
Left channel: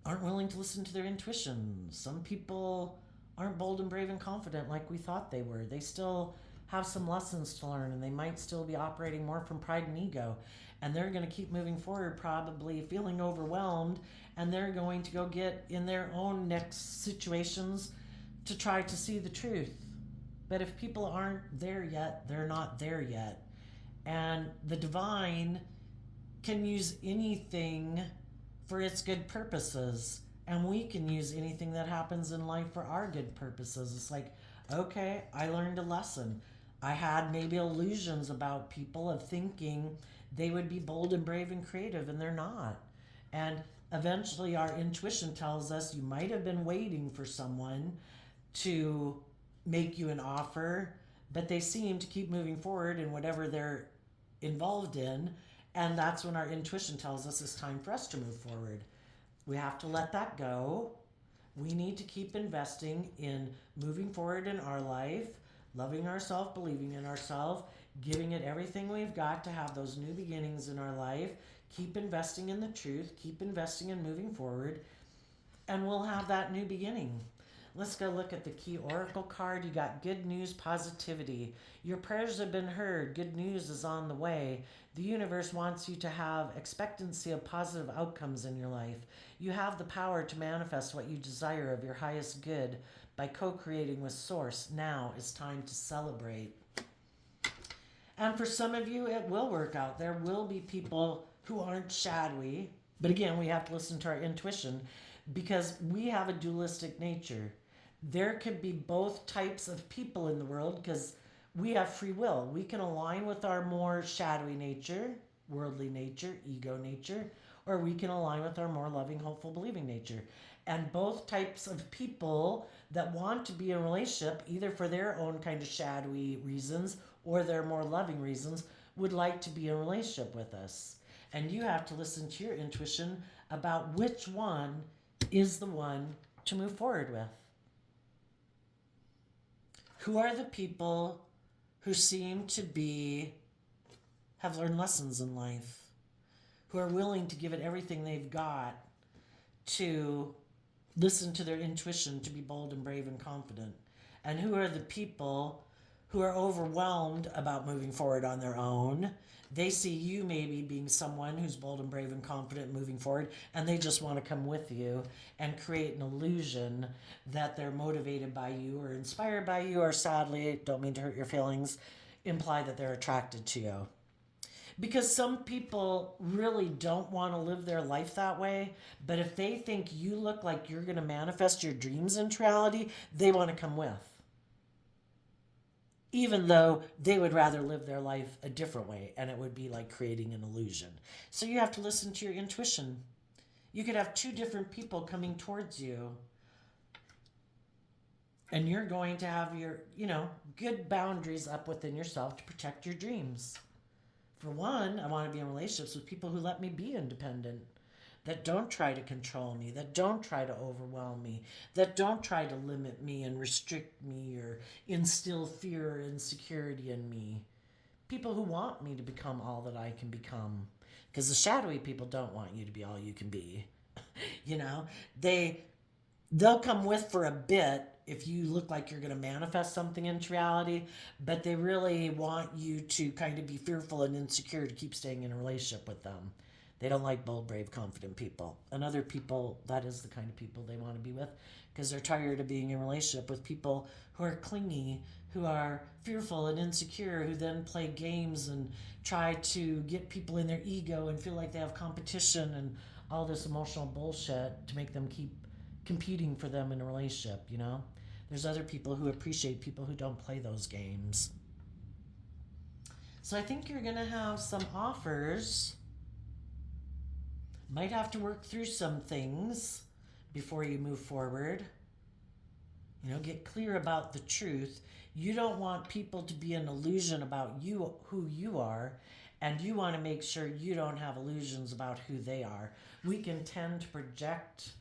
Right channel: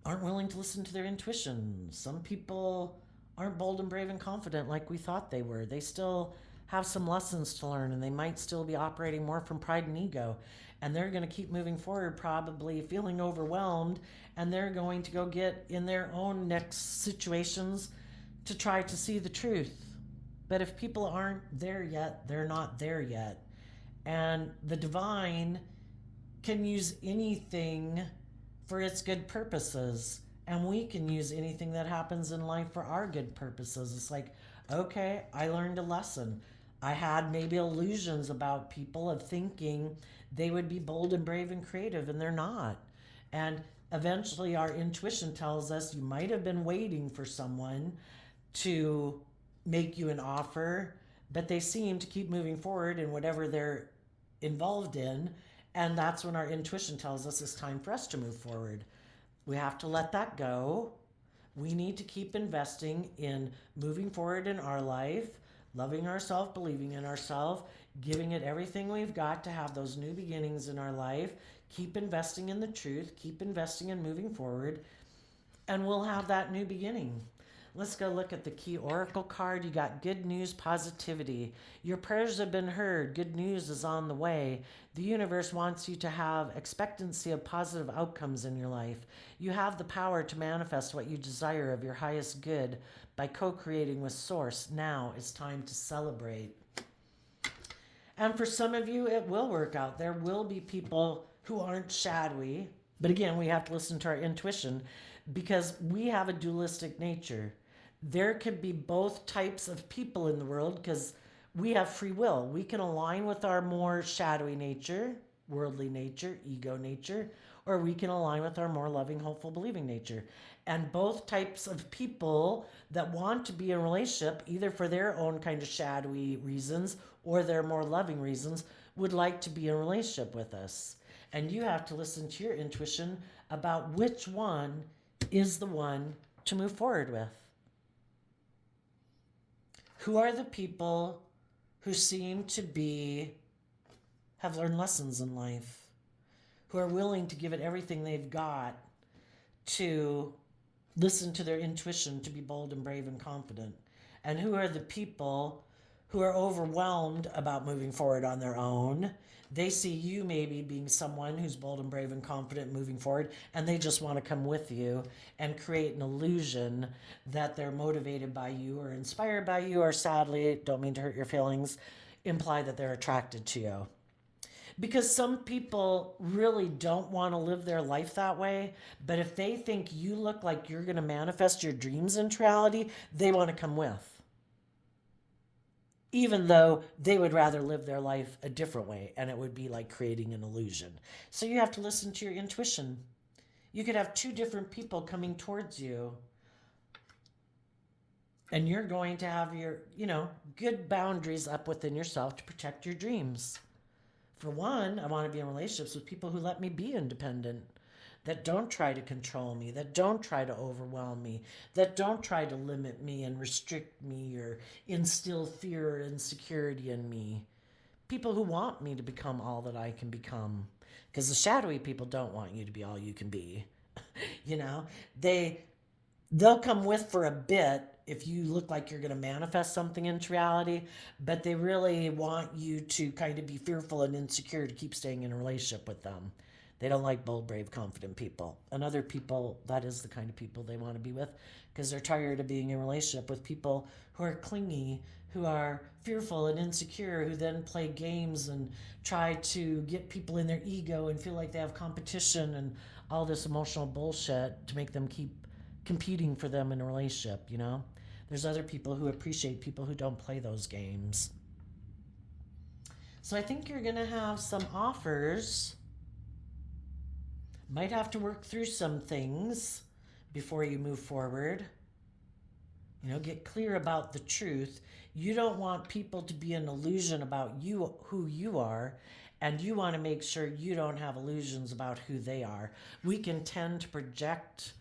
aren't willing to listen to their intuition. Some people aren't bold and brave and confident like we thought they were. They still have some lessons to learn, and they might still be operating more from pride and ego. And they're going to keep moving forward, probably feeling overwhelmed, and they're going to go get in their own next situations to try to see the truth. But if people aren't there yet, they're not there yet. And the divine can use anything for its good purposes. And we can use anything that happens in life for our good purposes. It's like, okay, I learned a lesson. I had maybe illusions about people of thinking they would be bold and brave and creative, and they're not. And eventually, our intuition tells us you might have been waiting for someone to make you an offer, but they seem to keep moving forward in whatever they're involved in. And that's when our intuition tells us it's time for us to move forward. We have to let that go. We need to keep investing in moving forward in our life, loving ourselves, believing in ourselves, giving it everything we've got to have those new beginnings in our life. Keep investing in the truth, keep investing in moving forward, and we'll have that new beginning. Let's go look at the key oracle card. You got good news, positivity. Your prayers have been heard. Good news is on the way. The universe wants you to have expectancy of positive outcomes in your life. You have the power to manifest what you desire of your highest good by co-creating with Source. Now it's time to celebrate. And for some of you, it will work out. There will be people who aren't shadowy. But again, we have to listen to our intuition because we have a dualistic nature. There could be both types of people in the world because we have free will. We can align with our more shadowy nature, worldly nature, ego nature, or we can align with our more loving, hopeful, believing nature. And both types of people that want to be in a relationship, either for their own kind of shadowy reasons or their more loving reasons, would like to be in a relationship with us. And you have to listen to your intuition about which one is the one to move forward with. Who are the people who seem to have learned lessons in life, who are willing to give it everything they've got to listen to their intuition, to be bold and brave and confident? And who are the people who are overwhelmed about moving forward on their own? They see you maybe being someone who's bold and brave and confident moving forward, and they just want to come with you and create an illusion that they're motivated by you or inspired by you, or sadly, don't mean to hurt your feelings, imply that they're attracted to you. Because some people really don't want to live their life that way, but if they think you look like you're going to manifest your dreams into reality, they want to come with. Even though they would rather live their life a different way, and it would be like creating an illusion. So you have to listen to your intuition. You could have two different people coming towards you, and you're going to have your, good boundaries up within yourself to protect your dreams. For one, I want to be in relationships with people who let me be independent, that don't try to control me, that don't try to overwhelm me, that don't try to limit me and restrict me or instill fear or insecurity in me. People who want me to become all that I can become. Because the shadowy people don't want you to be all you can be. They'll come with for a bit if you look like you're going to manifest something into reality, but they really want you to kind of be fearful and insecure to keep staying in a relationship with them. They don't like bold, brave, confident people. And other people, that is the kind of people they want to be with because they're tired of being in a relationship with people who are clingy, who are fearful and insecure, who then play games and try to get people in their ego and feel like they have competition and all this emotional bullshit to make them keep competing for them in a relationship, There's other people who appreciate people who don't play those games. So I think you're going to have some offers. Might have to work through some things before you move forward. Get clear about the truth. You don't want people to be an illusion about you, who you are, and you want to make sure you don't have illusions about who they are. We can tend to project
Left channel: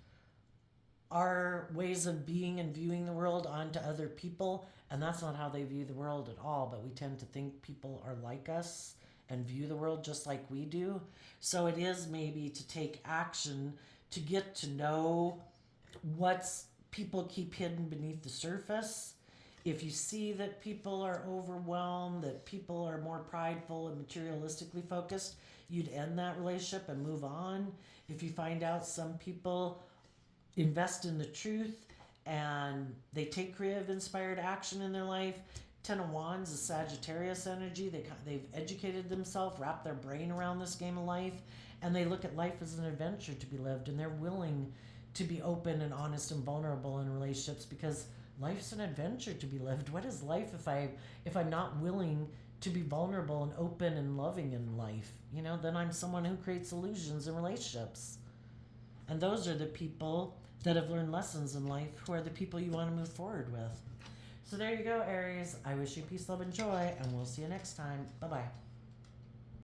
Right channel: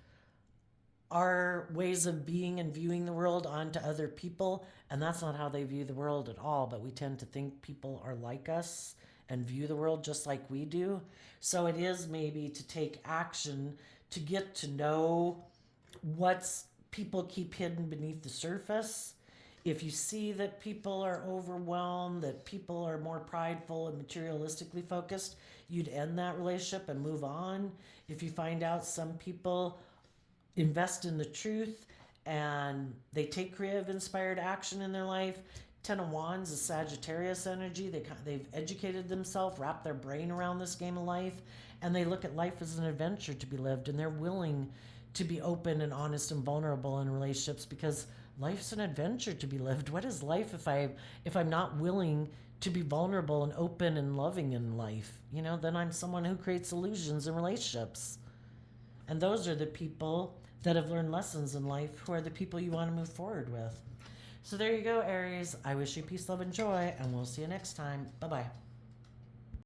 our ways of being and viewing the world onto other people, and that's not how they view the world at all. But we tend to think people are like us and view the world just like we do. So it is maybe to take action to get to know what's people keep hidden beneath the surface. If you see that people are overwhelmed, that people are more prideful and materialistically focused, you'd end that relationship and move on. If you find out some people invest in the truth and they take creative inspired action in their life, Ten of Wands is Sagittarius energy. They've educated themselves, wrapped their brain around this game of life, and they look at life as an adventure to be lived, and they're willing to be open and honest and vulnerable in relationships because life's an adventure to be lived. What is life if I'm not willing to be vulnerable and open and loving in life? Then I'm someone who creates illusions in relationships. And those are the people that have learned lessons in life who are the people you want to move forward with. So there you go, Aries. I wish you peace, love, and joy, and we'll see you next time. Bye-bye.